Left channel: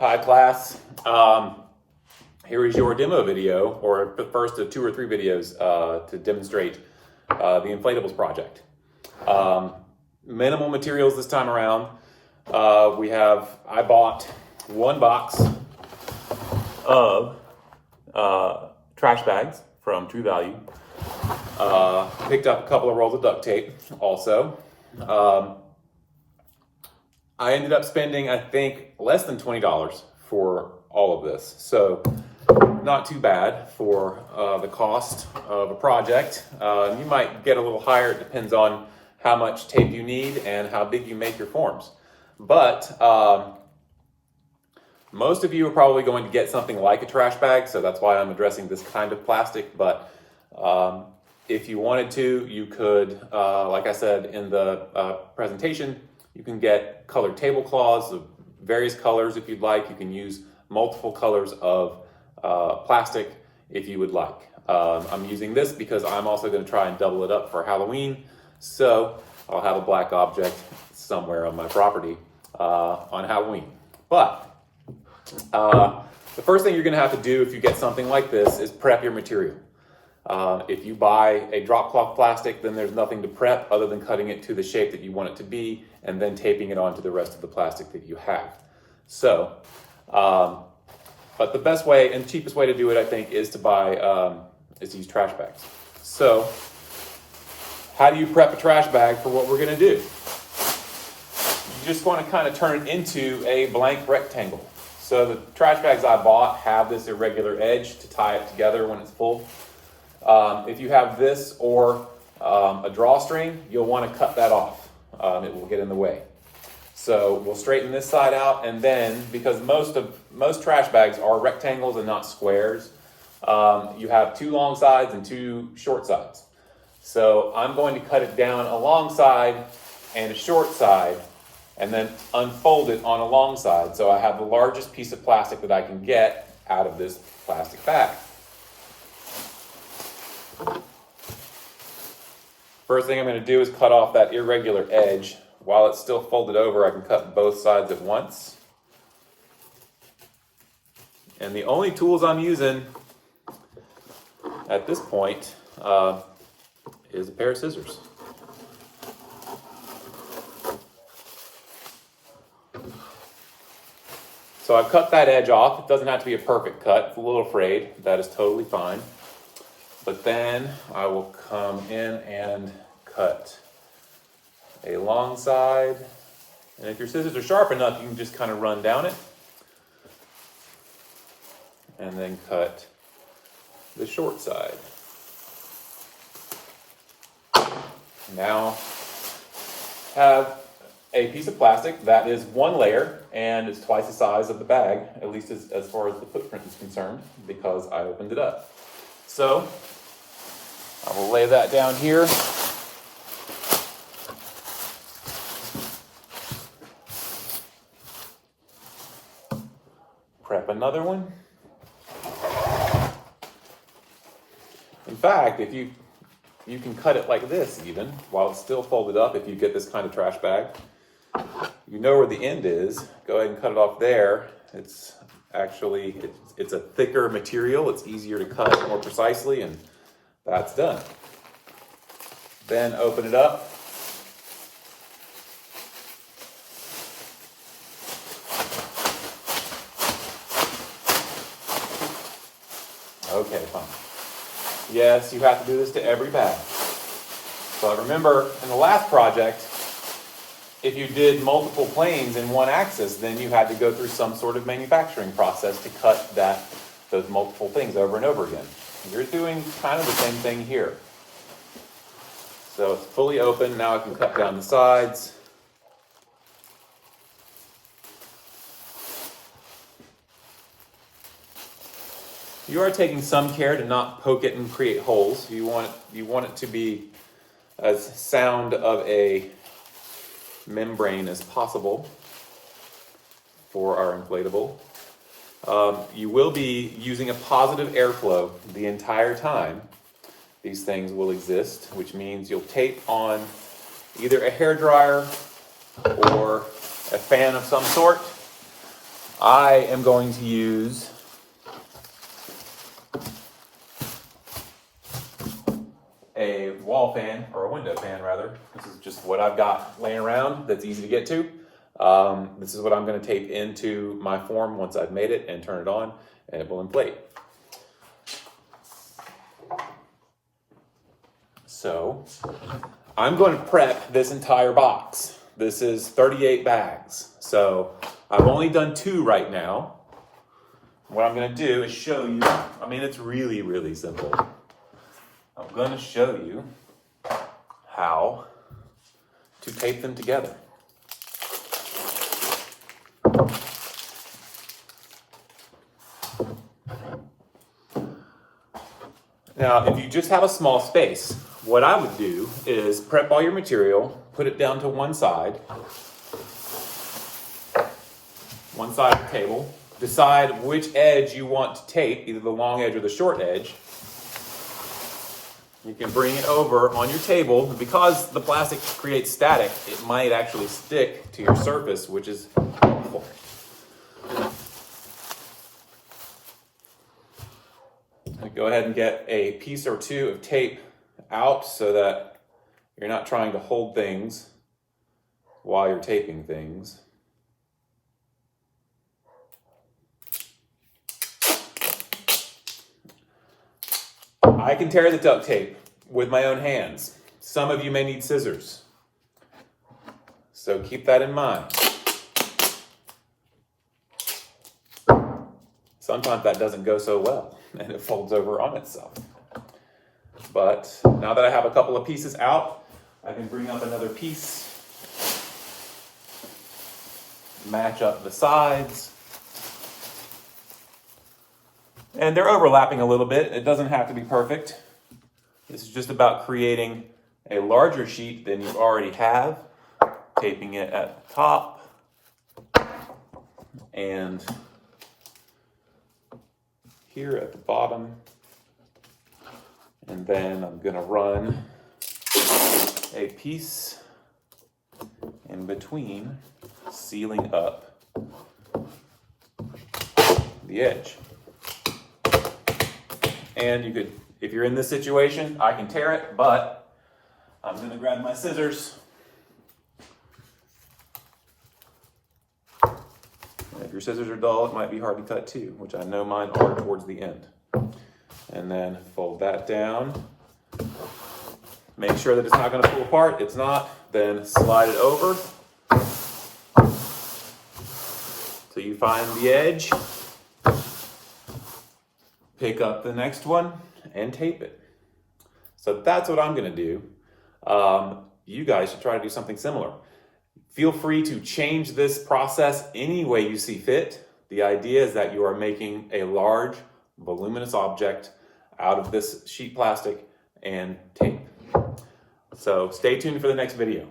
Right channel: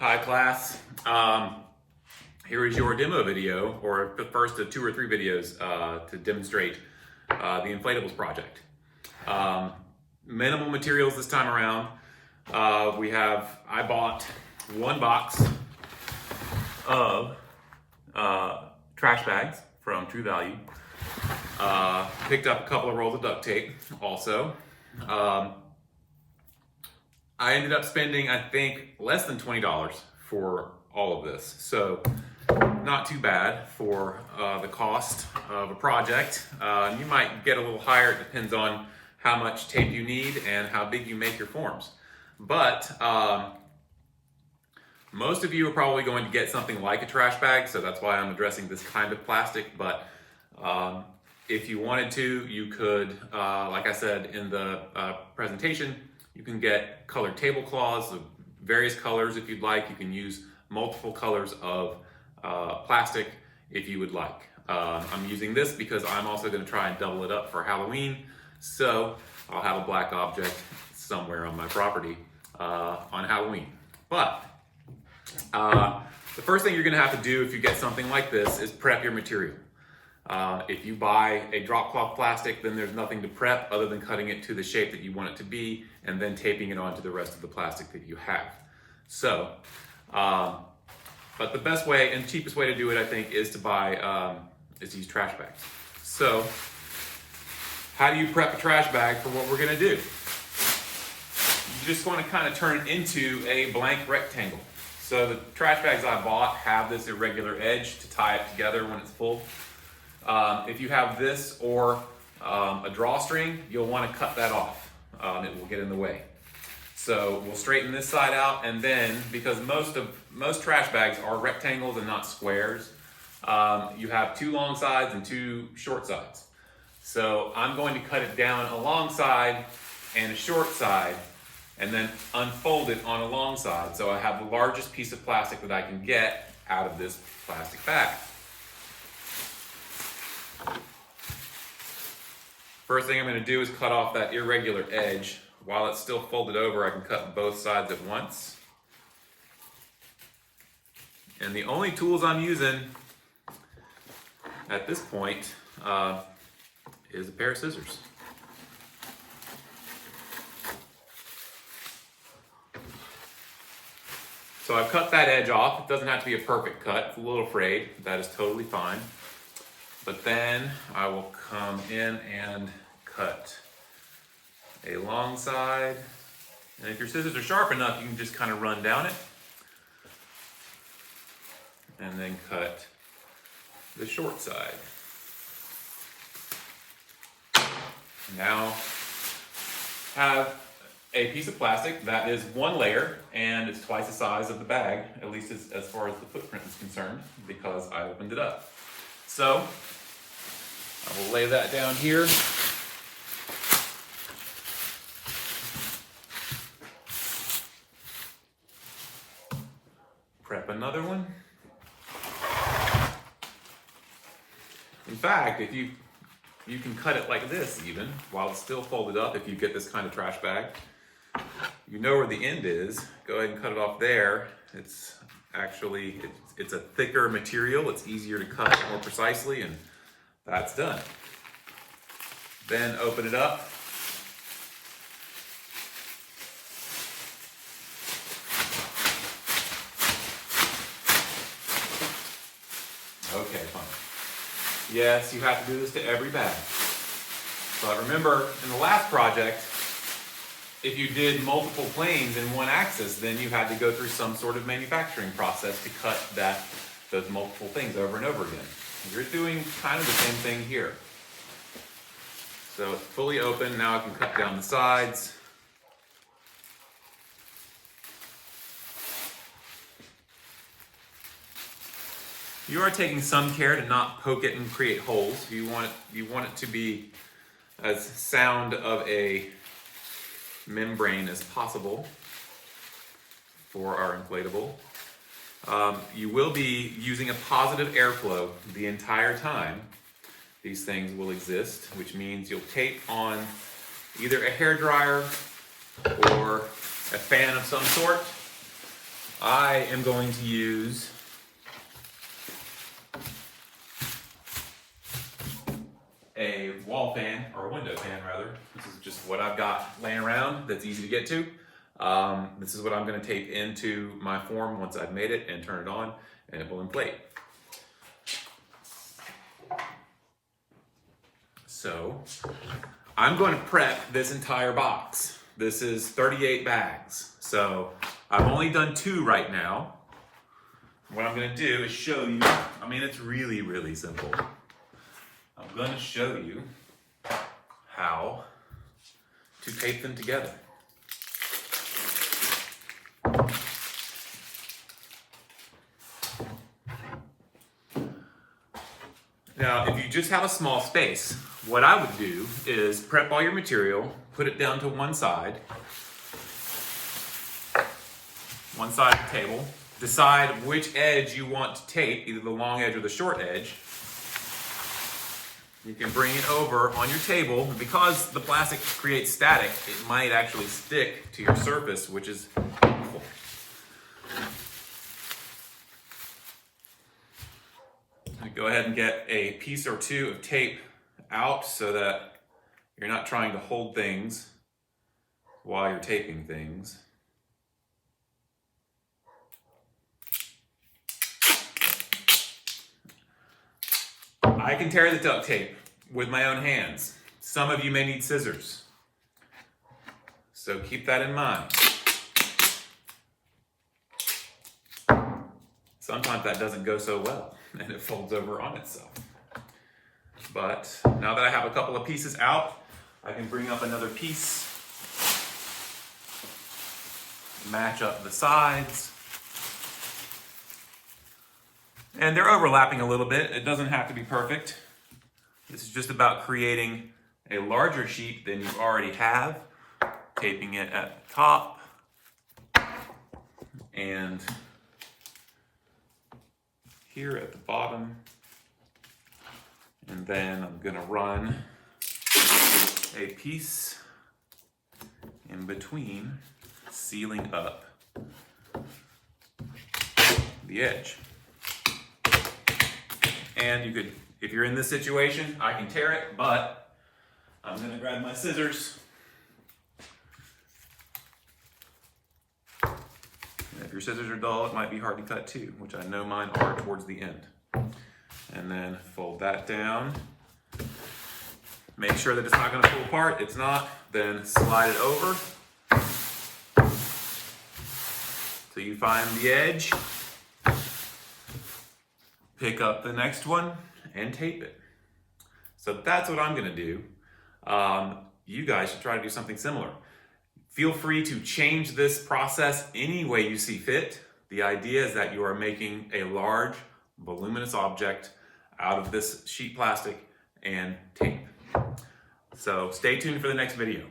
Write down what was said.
Hi class. Here is your demo video, or the first of 2 or 3 videos to demonstrate the Inflatables project. Minimal materials this time around. I bought 1 box of trash bags from True Value. Picked up a couple of rolls of duct tape also. I ended up spending, I think, less than $20 for all of this. So not too bad for the cost of a project. You might get a little higher. It depends on how much tape you need and how big you make your forms. But most of you are probably going to get something like a trash bag, so that's why I'm addressing this kind of plastic. But if you wanted to, you could, like I said in the presentation, you can get colored tablecloths of various colors if you'd like. You can use multiple colors of plastic if you would like. I'm using this because I'm also going to try and double it up for Halloween. So I'll have a black object somewhere on my property on Halloween. But the first thing you're going to have to do if you get something like this is prep your material. If you buy a drop cloth plastic, then there's nothing to prep other than cutting it to the shape that you want it to be and then taping it onto the rest of the plastic that you have. So, but the best way and cheapest way to do it, I think, is to use trash bags. So, how do you prep a trash bag for what we're going to do? You just want to kind of turn it into a blank rectangle. So the trash bags I bought have this irregular edge to tie it together when it's full. If you have this or a drawstring, you'll want to cut that off. It will get in the way. So we'll straighten this side out, and then because most trash bags are rectangles and not squares, you have 2 long sides and 2 short sides. So I'm going to cut it down a long side and a short side, and then unfold it on a long side. So I have the largest piece of plastic that I can get out of this plastic bag. First thing I'm going to do is cut off that irregular edge. While it's still folded over, I can cut both sides at once. And the only tools I'm using at this point is a pair of scissors. So I've cut that edge off. It doesn't have to be a perfect cut. It's a little frayed. That is totally fine. But then I will come in and cut a long side. And if your scissors are sharp enough, you can just kind of run down it. And then cut the short side. Now have a piece of plastic that is 1 layer and it's twice the size of the bag, at least as far as the footprint is concerned, because I opened it up. So I will lay that down here. Prep another one. In fact, if you can cut it like this even, while it's still folded up, if you get this kind of trash bag. You know where the end is. Go ahead and cut it off there. It's actually, it's a thicker material. It's easier to cut more precisely, and that's done. Then open it up. Okay, fine. Yes, you have to do this to every bag. So remember, in the last project, if you did multiple planes in one axis, then you had to go through some sort of manufacturing process to cut those multiple things over and over again. You're doing kind of the same thing here. So it's fully open. Now I can cut down the sides. You are taking some care to not poke it and create holes. You want it to be as sound of a membrane as possible for our inflatable. You will be using a positive airflow the entire time these things will exist, which means you'll tape on either a hairdryer or a fan of some sort. I am going to use a wall fan, or a window fan rather. This is just what I've got laying around that's easy to get to. This is what I'm going to tape into my form once I've made it and turn it on, and it will inflate. So I'm going to prep this entire box. This is 38 bags. So I've only done 2 right now. What I'm going to do is show you, I mean, it's really, really simple. I'm going to show you how to tape them together. Now, if you just have a small space, what I would do is prep all your material, put it down to one side of the table, decide which edge you want to tape, either the long edge or the short edge. You can bring it over on your table. Because the plastic creates static, it might actually stick to your surface, which is helpful. Go ahead and get a piece or 2 of tape out so that you're not trying to hold things while you're taping things. I can tear the duct tape with my own hands. Some of you may need scissors, so keep that in mind. Sometimes that doesn't go so well and it folds over on itself. But now that I have a couple of pieces out, I can bring up another piece, match up the sides, and they're overlapping a little bit. It doesn't have to be perfect. This is just about creating a larger sheet than you already have, taping it at the top, and here at the bottom. And then I'm gonna run a piece in between, sealing up the edge. And you could, if you're in this situation, I can tear it, but I'm gonna grab my scissors. And if your scissors are dull, it might be hard to cut too, which I know mine are towards the end. And then fold that down. Make sure that it's not gonna pull apart. It's not, then slide it over. So you find the edge, pick up the next one, and tape it. So that's what I'm gonna do. You guys should try to do something similar. Feel free to change this process any way you see fit. The idea is that you are making a large, voluminous object out of this sheet plastic and tape. So stay tuned for the next video.